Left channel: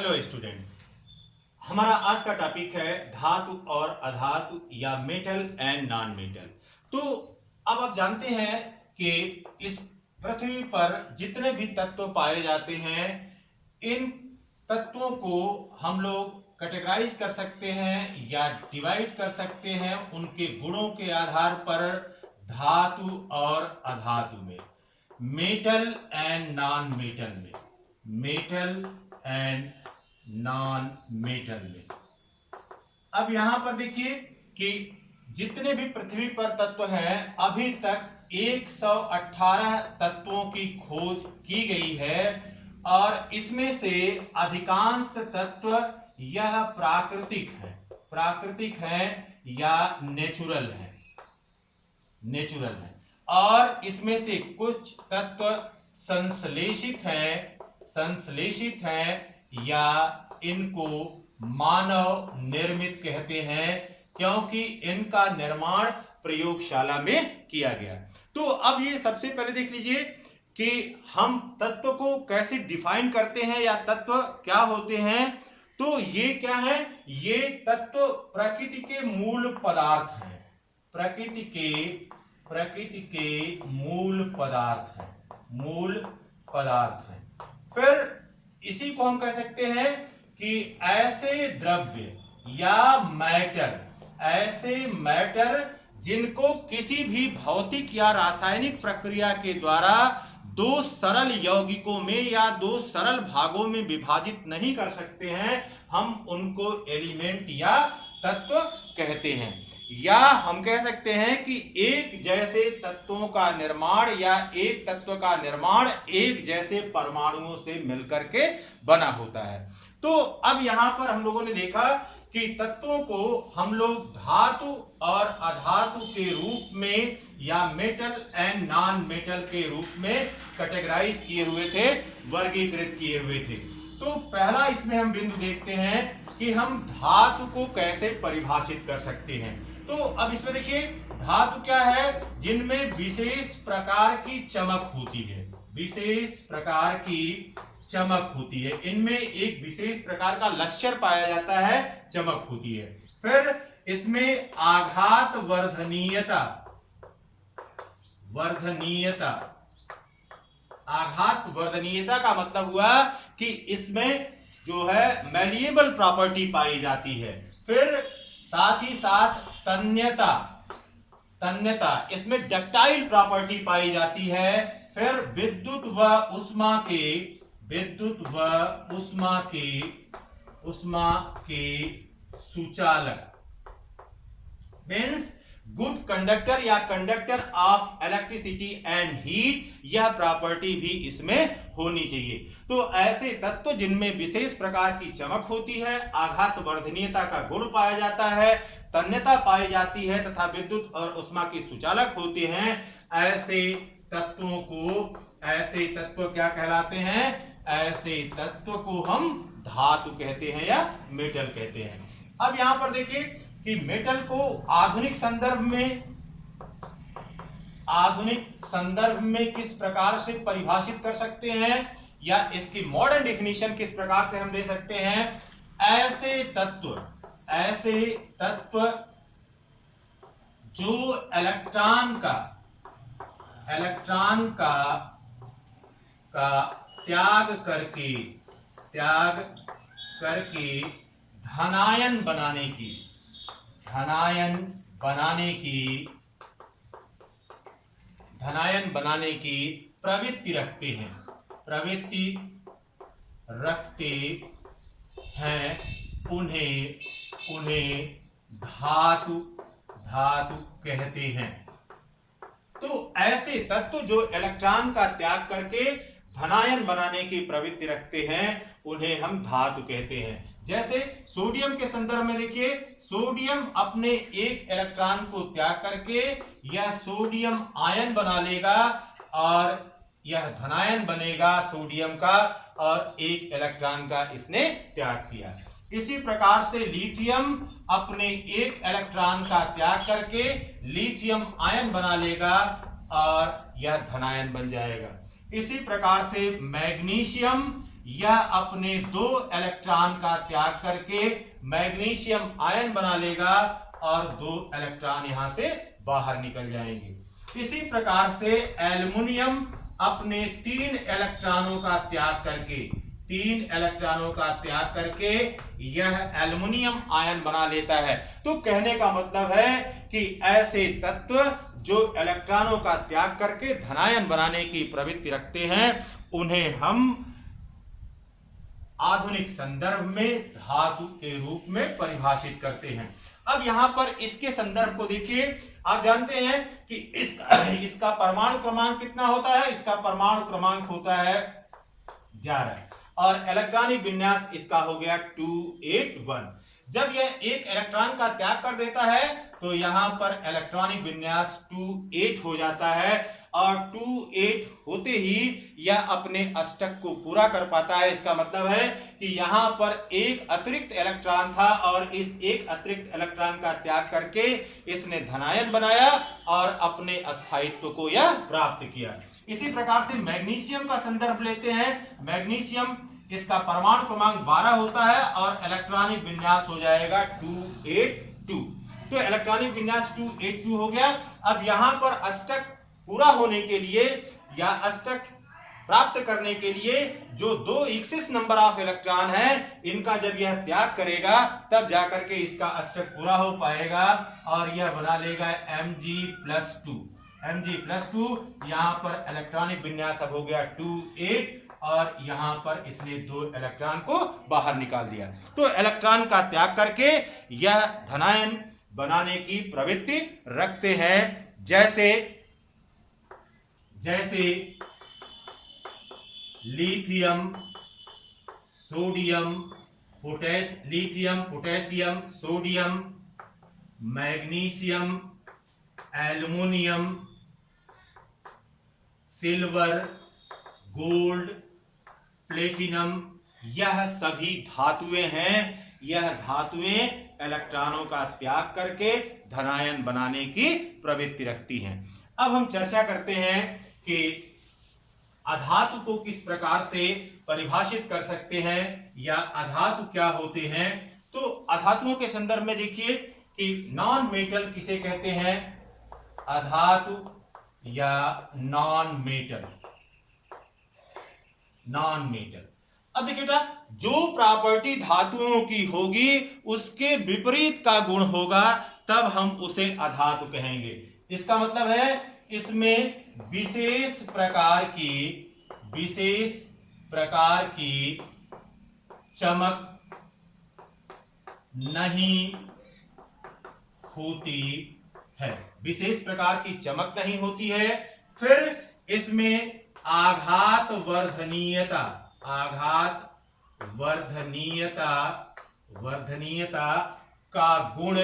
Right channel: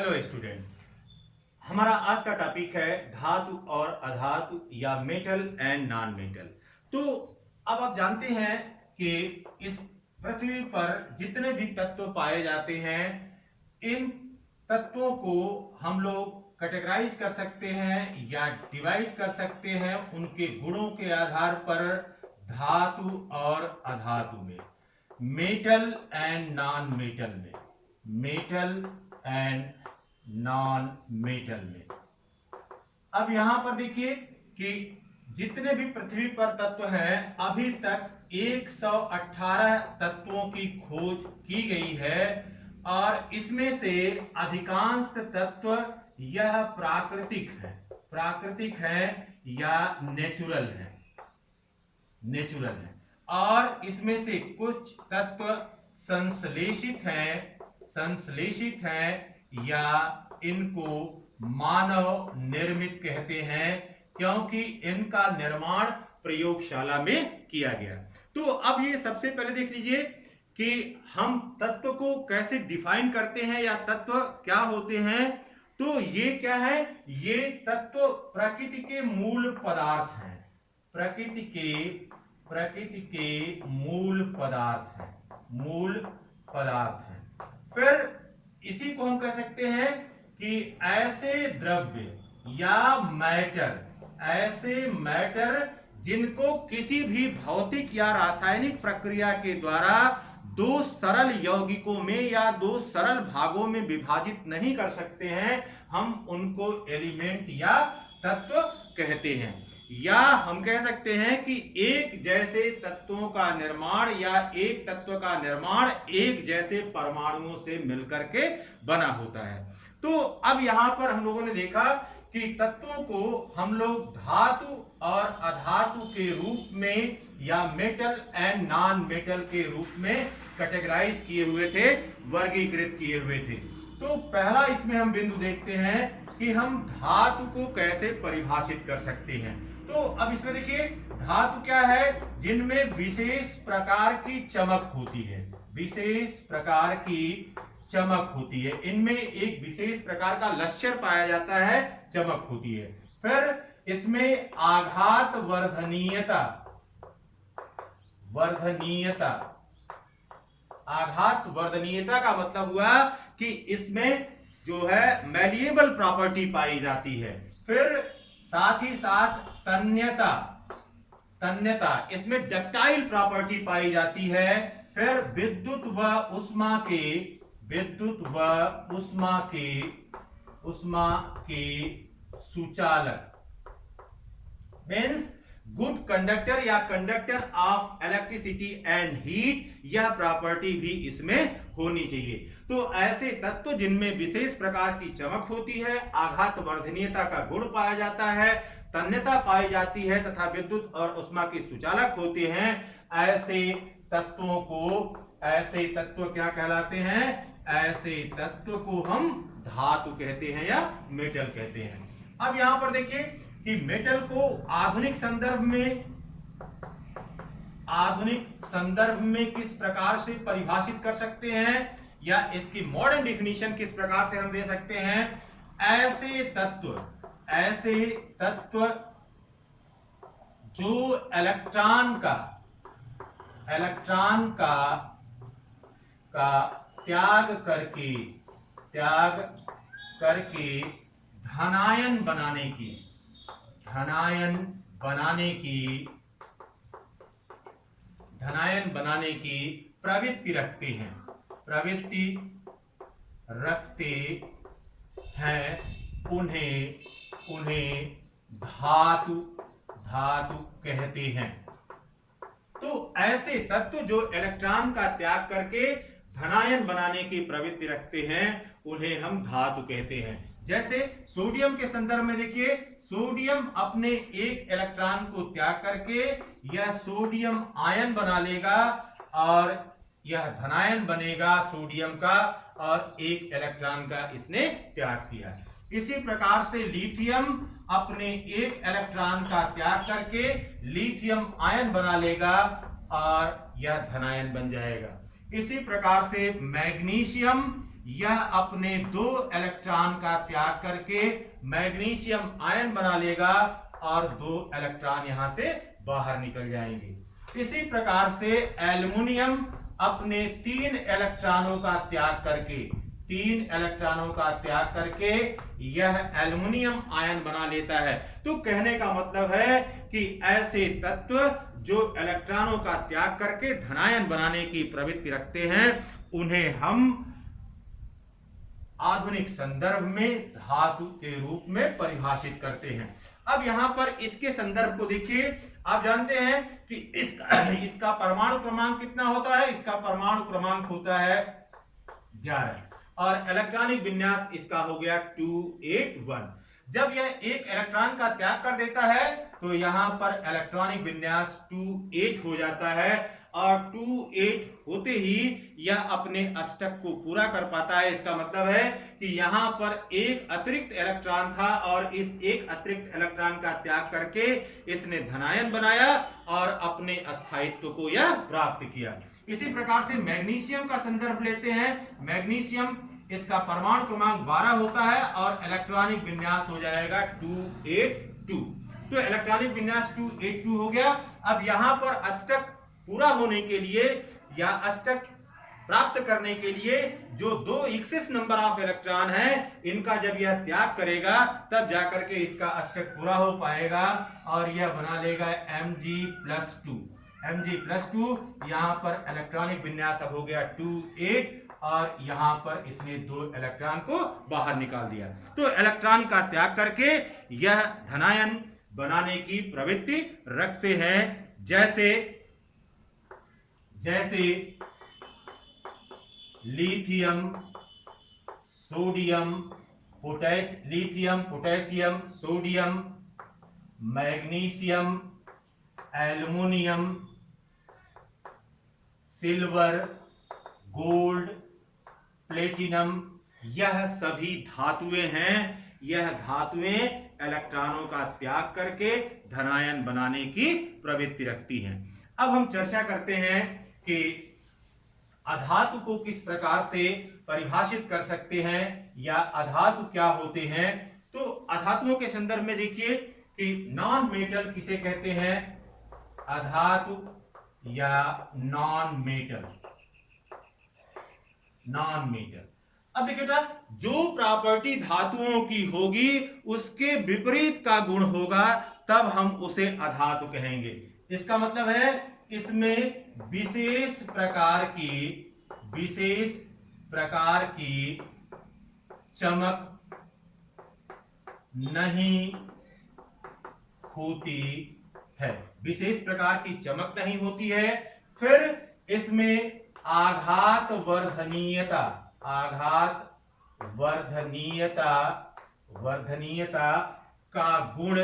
Hello student, हमारा आज का टॉपिक है धातु और अधातु या मेटल एंड नॉन मेटल। तो अब आप जानते हैं कि इस पृथ्वी पर जितने भी तत्व पाए जाते हैं, इन तत्वों को हम लोग कैटेगराइज कर सकते हैं या डिवाइड कर सकते हैं उनके गुणों के आधार पर धातु और अधातु में, मेटल एंड नॉन मेटल में, मेटल एंड नॉन मेटल में। अब यहां पर देखिए कि जितने भी पृथ्वी पर तत्व हैं, अभी तक 118 तत्वों की खोज की गई है और इसमें से अधिकांश तत्व यह प्राकृतिक है या नेचुरल है और इसमें से कुछ तत्व संश्लेषित हैं या इनको मानव निर्मित कहते हैं, क्योंकि इनका निर्माण प्रयोगशाला में किया गया। तो अब ये सबसे पहले देख लीजिए कि हम तत्व को कैसे डिफाइन करते हैं या तत्व क्या होते हैं। तो ये क्या है? ये तत्व प्रकृति के मूल पदार्थ हैं, प्रकृति के मूल पदार्थ हैं। फिर इसी को हम कह सकते हैं कि ऐसे द्रव्य या मैटर जिनको किसी भी भौतिक या रासायनिक प्रक्रिया के द्वारा दो सरल यौगिकों में या दो सरल भागों में विभाजित नहीं कर सकते हैं, हम उनको एलिमेंट या तत्व कहते हैं। या हम कह सकते हैं कि एक जैसे तत्वों का निर्माण या एक तत्व का निर्माण एक जैसे परमाणुओं से मिलकर के बना होता है। तो अब यहां पर हम लोगों ने देखा कि तत्वों को हम लोग धातु और अधातु के रूप में या मेटल एंड नॉन मेटल के रूप में कैटेगराइज किए हुए थे, वर्गीकृत किए हुए थे। तो पहला इसमें हम बिंदु देखते हैं कि हम धातु को कैसे परिभाषित कर सकते हैं। तो अब इसमें देखिए, धातु क्या है? जिनमें विशेष प्रकार की चमक होती है, इनमें एक विशेष प्रकार का लश्चर पाया जाता है, चमक होती है। फिर इसमें आघात वर्धनीयता का मतलब हुआ कि इसमें जो है मैलिएबल प्रॉपर्टी पाई जाती है। फिर साथ ही साथ तन्यता, इसमें डक्टाइल प्रॉपर्टी पाई जाती है। फिर विद्युत व उष्मा के सुचालक, मीन्स गुड कंडक्टर या conductor of electricity and heat, यह प्रॉपर्टी भी इसमें होनी चाहिए। तो ऐसे तत्व जिनमें विशेष प्रकार की चमक होती है, आघात वर्धनीयता का गुण पाया जाता है, तन्यता पाई जाती है तथा विद्युत और उष्मा के सुचालक होते हैं, ऐसे तत्व क्या कहलाते हैं? ऐसे तत्व को हम धातु कहते हैं या मेटल कहते हैं। अब यहां पर देखिए कि मेटल को आधुनिक संदर्भ में किस प्रकार से परिभाषित कर सकते हैं या इसकी मॉडर्न डिफिनीशन किस प्रकार से हम दे सकते हैं। ऐसे तत्व जो इलेक्ट्रॉन का त्याग करके धनायन बनाने की प्रवृत्ति रखते हैं, उन्हें धातु कहते हैं। तो ऐसे तत्व जो इलेक्ट्रॉन का त्याग करके धनायन बनाने की प्रवृत्ति रखते हैं, उन्हें हम धातु कहते हैं। जैसे सोडियम के संदर्भ में देखिए, सोडियम अपने एक इलेक्ट्रॉन को त्याग करके यह सोडियम आयन बना लेगा और यह धनायन बनेगा सोडियम का, और एक इलेक्ट्रॉन का इसने त्याग किया। इसी प्रकार से लिथियम अपने एक इलेक्ट्रॉन का त्याग करके लिथियम आयन बना लेगा और यह धनायन बन जाएगा। इसी प्रकार से मैग्नीशियम यह अपने 2 इलेक्ट्रॉन का त्याग करके मैग्नीशियम आयन बना लेगा और 2 इलेक्ट्रॉन यहां से बाहर निकल जाएंगे। इसी प्रकार से एल्युमिनियम अपने 3 इलेक्ट्रॉनों का त्याग करके यह एल्युमिनियम आयन बना लेता है। तो कहने का मतलब है कि ऐसे तत्व जो इलेक्ट्रॉनों का त्याग करके धनायन बनाने की प्रवृत्ति रखते हैं उन्हें हम आधुनिक संदर्भ में धातु के रूप में परिभाषित करते हैं। अब यहां पर इसके संदर्भ को देखिए। आप जानते हैं कि इसका परमाणु क्रमांक कितना होता है? इसका परमाणु क्रमांक होता है 11 और इलेक्ट्रॉनिक विन्यास इसका हो गया 281। जब यह एक इलेक्ट्रॉन का त्याग कर देता है तो यहां पर इलेक्ट्रॉनिक विन्यास 28 हो जाता है और 28 होते ही यह अपने अष्टक को पूरा कर पाता है। इसका मतलब है कि यहां पर एक अतिरिक्त इलेक्ट्रॉन था और इस एक अतिरिक्त इलेक्ट्रॉन का त्याग करके इसने धनायन बनाया और अपने स्थायित्व को यह प्राप्त किया। इसी प्रकार से मैग्नीशियम का संदर्भ लेते हैं। मैग्नीशियम इसका परमाणु क्रमांक 12 होता है और इलेक्ट्रॉनिक विन्यास हो जाएगा 282। तो इलेक्ट्रॉनिक विन्यास 282 हो गया। अब यहां पर अष्टक पूरा होने के लिए या अष्टक प्राप्त करने के लिए जो 2 एक्सिस नंबर ऑफ इलेक्ट्रॉन है इनका जब यह त्याग करेगा तब जाकर के इसका अष्टक पूरा हो पाएगा और यह बना लेगा Mg+2। Mg+2 यहां पर इलेक्ट्रॉनिक विन्यास अब हो गया 28 और यहां पर इसने 2 इलेक्ट्रॉन को बाहर निकाल दिया। तो इलेक्ट्रॉन का त्याग करके यह धनायन बनाने की प्रवृत्ति रखते हैं। जैसे lithium, sodium, potassium, sodium, magnesium, aluminium, silver, gold, platinum, यह सभी धातुएं हैं। यह धातुएं इलेक्ट्रॉनों का त्याग करके धनायन बनाने की प्रवृत्ति रखती हैं। अब हम चर्चा करते हैं कि अधातु को किस प्रकार से परिभाषित कर सकते हैं या अधातु क्या होते हैं। तो अधातुओं के संदर्भ में देखिए कि नॉन मेटल किसे कहते हैं? अधातु या नॉन मेटल। अब देखिए बेटा, जो प्रॉपर्टी धातुओं की होगी उसके विपरीत का गुण होगा तब हम उसे अधातु कहेंगे। इसका मतलब है इसमें विशेष प्रकार की चमक नहीं होती है। विशेष प्रकार की चमक नहीं होती है। फिर इसमें आघात वर्धनीयता का गुण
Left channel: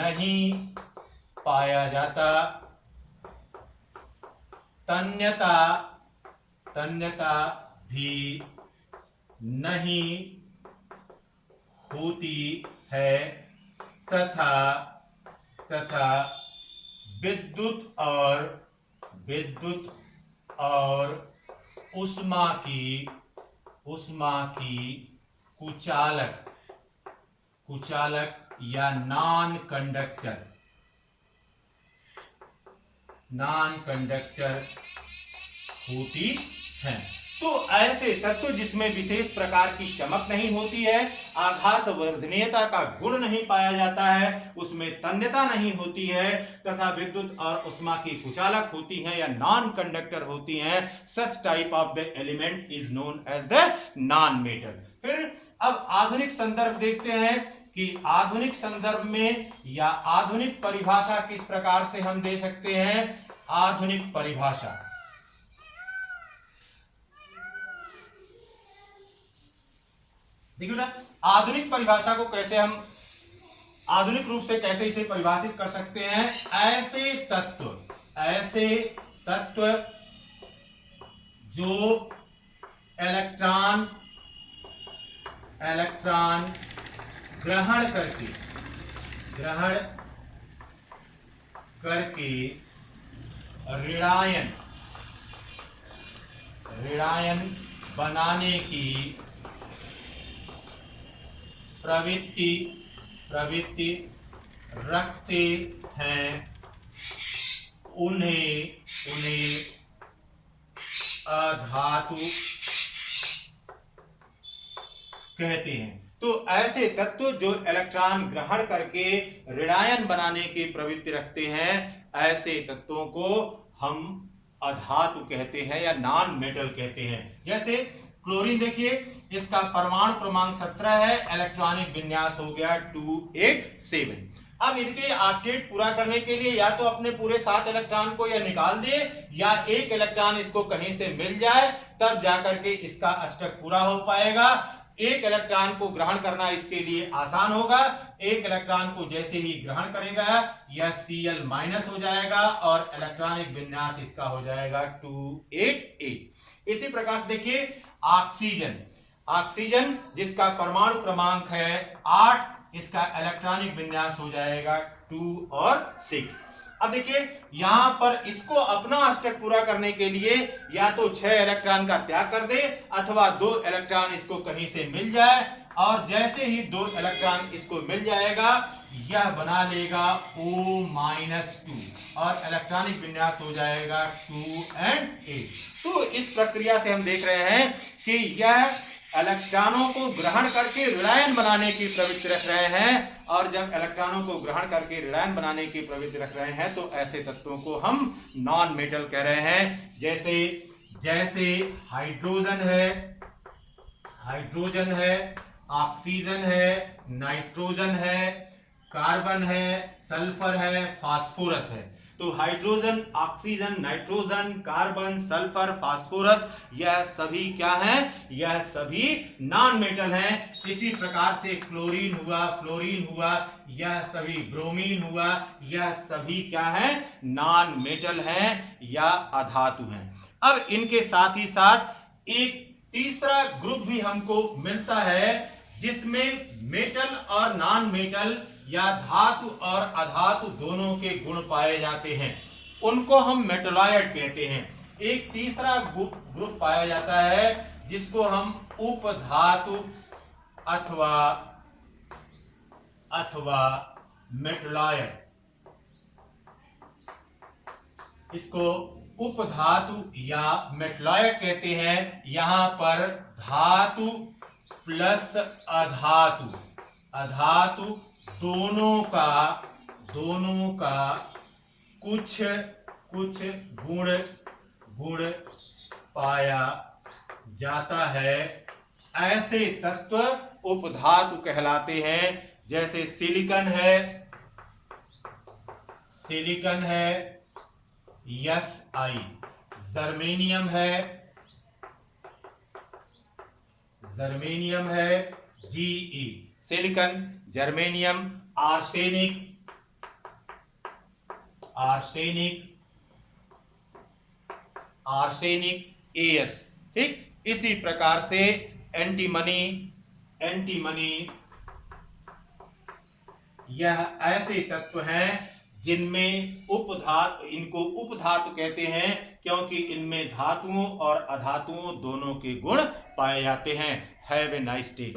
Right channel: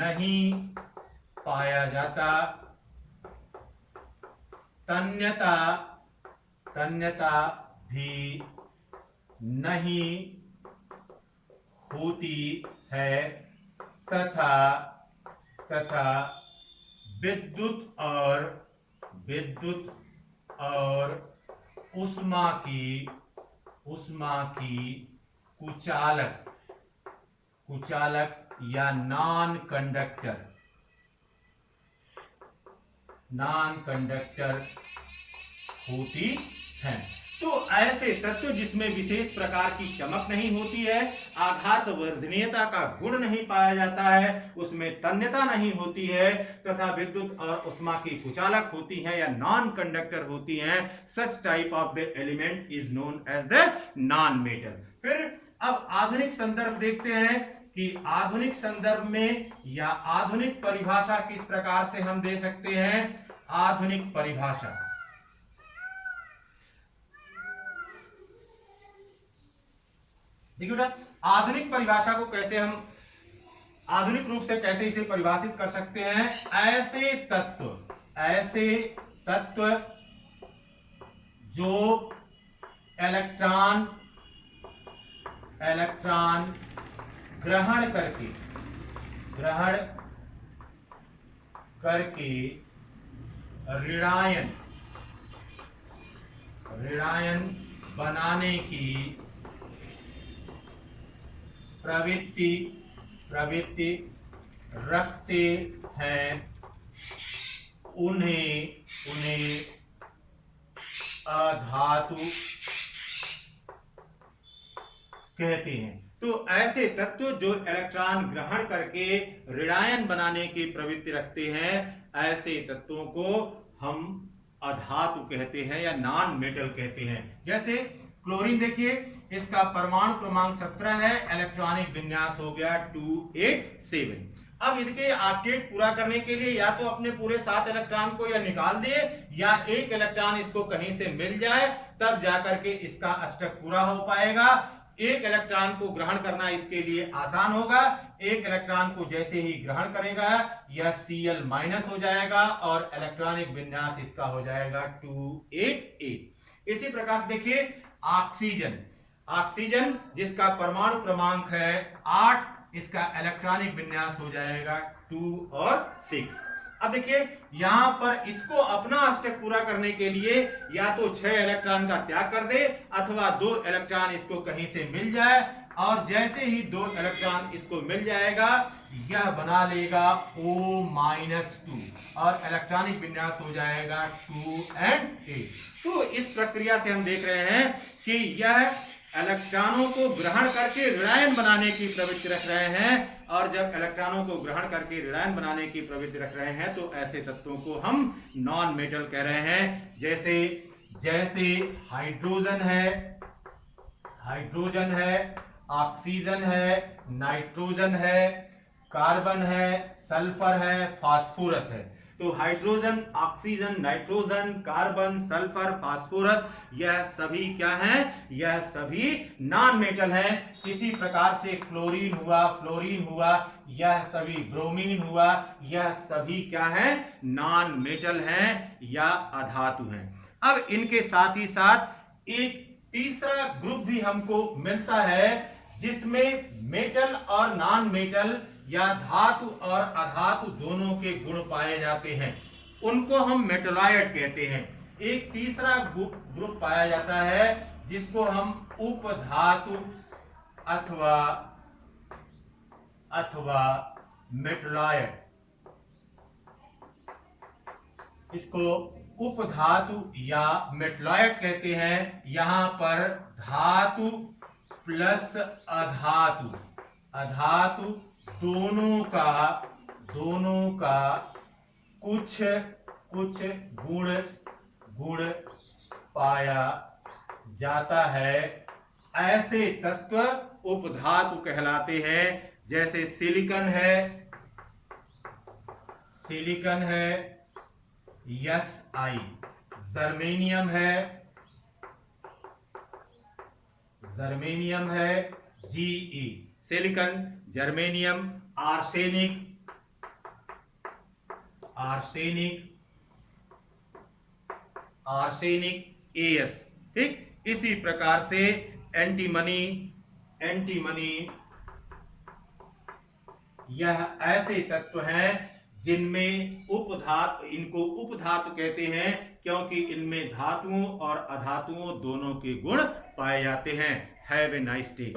नहीं पाया जाता। तन्यता भी नहीं होती है तथा विद्युत और उष्मा की कुचालक या नॉन कंडक्टर होती हैं। तो ऐसे तत्व जिसमें विशेष प्रकार की चमक नहीं होती है, आघात वर्धनीयता का गुण नहीं पाया जाता है, उसमें तन्यता नहीं होती है तथा विद्युत और उष्मा की कुचालक होती है या नॉन कंडक्टर होती हैं, such type of the element is known as the non metal. फिर अब आधुनिक संदर्भ देखते हैं कि आधुनिक संदर्भ में या आधुनिक परिभाषा किस प्रकार से हम दे सकते हैं। आधुनिक परिभाषा, देखिए बेटा, आधुनिक परिभाषा को कैसे हम आधुनिक रूप से कैसे इसे परिभाषित कर सकते हैं। ऐसे तत्व जो इलेक्ट्रॉन ग्रहण करके ऋणायन बनाने की प्रवृत्ति रखते हैं उन्हें अधातु कहते हैं। तो ऐसे तत्व जो इलेक्ट्रॉन ग्रहण करके ऋणायन बनाने की प्रवृत्ति रखते हैं, ऐसे तत्वों को हम अधातु कहते हैं या नॉन मेटल कहते हैं। जैसे क्लोरीन देखिए, इसका परमाणु क्रमांक 17 है, इलेक्ट्रॉनिक विन्यास हो गया 287। अब इनके ऑक्टेट पूरा करने के लिए या तो अपने पूरे 7 इलेक्ट्रॉन को या निकाल दिए या एक इलेक्ट्रॉन इसको कहीं से मिल जाए, तब जाकर के इसका अष्टक पूरा हो पाएगा। एक इलेक्ट्रॉन को ग्रहण करना इसके लिए आसान होगा। एक इलेक्ट्रॉन को जैसे ही ग्रहण करेगा यह Cl माइनस हो जाएगा और इलेक्ट्रॉनिक विन्यास इसका हो जाएगा 288। इसी प्रकार से देखिए ऑक्सीजन जिसका परमाणु क्रमांक है 8, इसका इलेक्ट्रॉनिक विन्यास हो जाएगा 2 और 6। अब देखिए यहां पर इसको अपना अष्टक पूरा करने के लिए या तो 6 इलेक्ट्रॉन का त्याग कर दे अथवा 2 इलेक्ट्रॉन इसको कहीं से मिल जाए, और जैसे ही 2 इलेक्ट्रॉन इसको मिल जाएगा यह बना लेगा O-2 और इलेक्ट्रॉनिक विन्यास हो जाएगा 2 and 8। तो इस प्रक्रिया से हम देख रहे हैं कि यह इलेक्ट्रॉनों को ग्रहण करके ऋणायन बनाने की प्रवृत्ति रख रहे हैं, और जब इलेक्ट्रॉनों को ग्रहण करके ऋणायन बनाने की प्रवृत्ति रख रहे हैं तो ऐसे तत्वों को हम नॉन मेटल कह रहे हैं। जैसे हाइड्रोजन है, ऑक्सीजन है, नाइट्रोजन है, कार्बन है, सल्फर है, फास्फोरस है। तो hydrogen, oxygen, nitrogen, carbon, sulphur, phosphorus, यह सभी क्या हैं? यह सभी नॉन मेटल हैं। इसी प्रकार से क्लोरीन हुआ, फ्लोरीन हुआ, यह सभी, ब्रोमीन हुआ, यह सभी क्या हैं? नॉन मेटल हैं या अधातु हैं। अब इनके साथ ही साथ एक तीसरा ग्रुप भी हमको मिलता है जिसमें मेटल और नॉन मेटल या धातु और अधातु दोनों के गुण पाए जाते हैं, उनको हम मेटलॉयड कहते हैं। एक तीसरा ग्रुप पाया जाता है जिसको हम उपधातु अथवा मेटलॉयड, इसको उपधातु या मेटलॉयड कहते हैं। यहां पर धातु प्लस अधातु दोनों का कुछ गुण पाया जाता है। ऐसे तत्व उपधातु कहलाते हैं। जैसे सिलिकॉन है Si, जर्मेनियम है Ge, silicon, germanium, arsenic As। ठीक इसी प्रकार से एंटीमनी, यह ऐसे तत्व हैं जिनमें इनको उपधातु कहते हैं क्योंकि इनमें धातुओं और अधातुओं दोनों के गुण पाए जाते हैं। Have a nice day.